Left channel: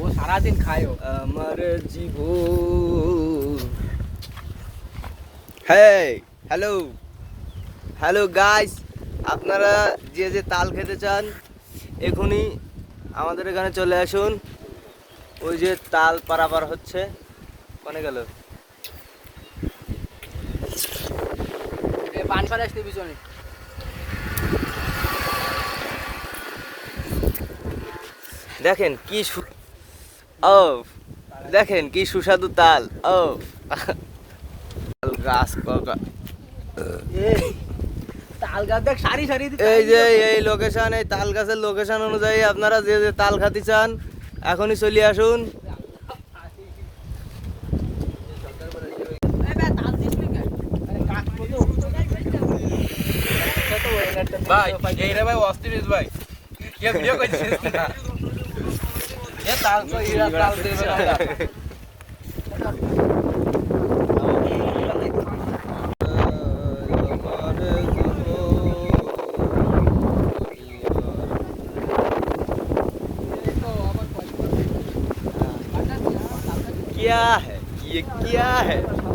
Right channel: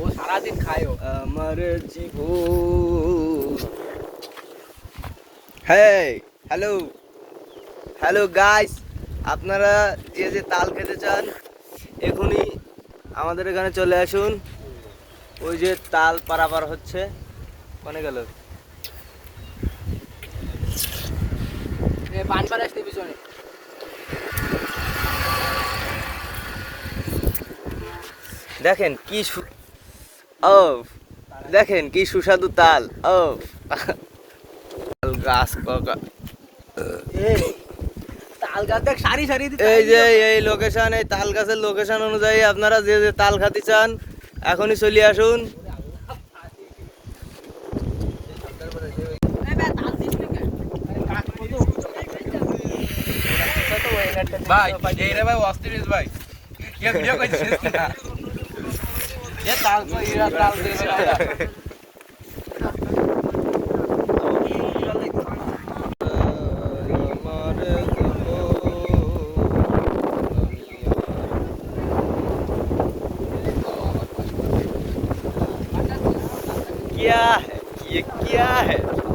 ও সারাদিন খায় ও। আমার জীবন। হ্যাঁ, হ্যালো হ্যালো গাইস, আপনারা যে যে তাল খেতে চান এখনই আমাদের এখানে চলে আসুন। ওই যে তাল পারাপার হচ্ছে, কোনে গেল? পান পান আসতে পিছনে। দেখেন কি ও, দেখেন কি সুস্বাদু তাল। ও তাল গাছ কাকা। তাল গাছ দেখ সারি সারি। এই যে এই লোকেশন, এই তাল গাছের লোকেশন অনুযায়ী আপনারা যে যে তাল খাতে চান এখনই চলে আসুন। ভাই এই রে ভাই অস্ট্রিচ ভাই কে ভিডিও কইছিস না এ তাল তো ইরা তাল দেখবে না क्या है ये, क्या है?